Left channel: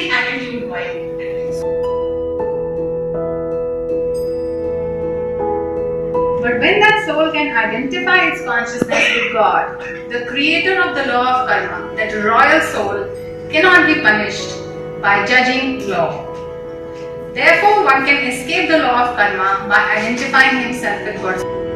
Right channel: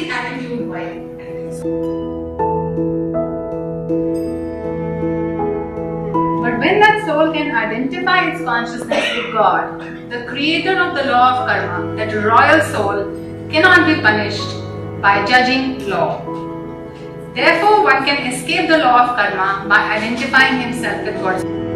the attitude vibe. But when that soul can identify its consciousness with God, the creator of the law of karma, that royal soul cannot be punished by judging law. Therefore, one can escape the law of karma by identifying himself with God.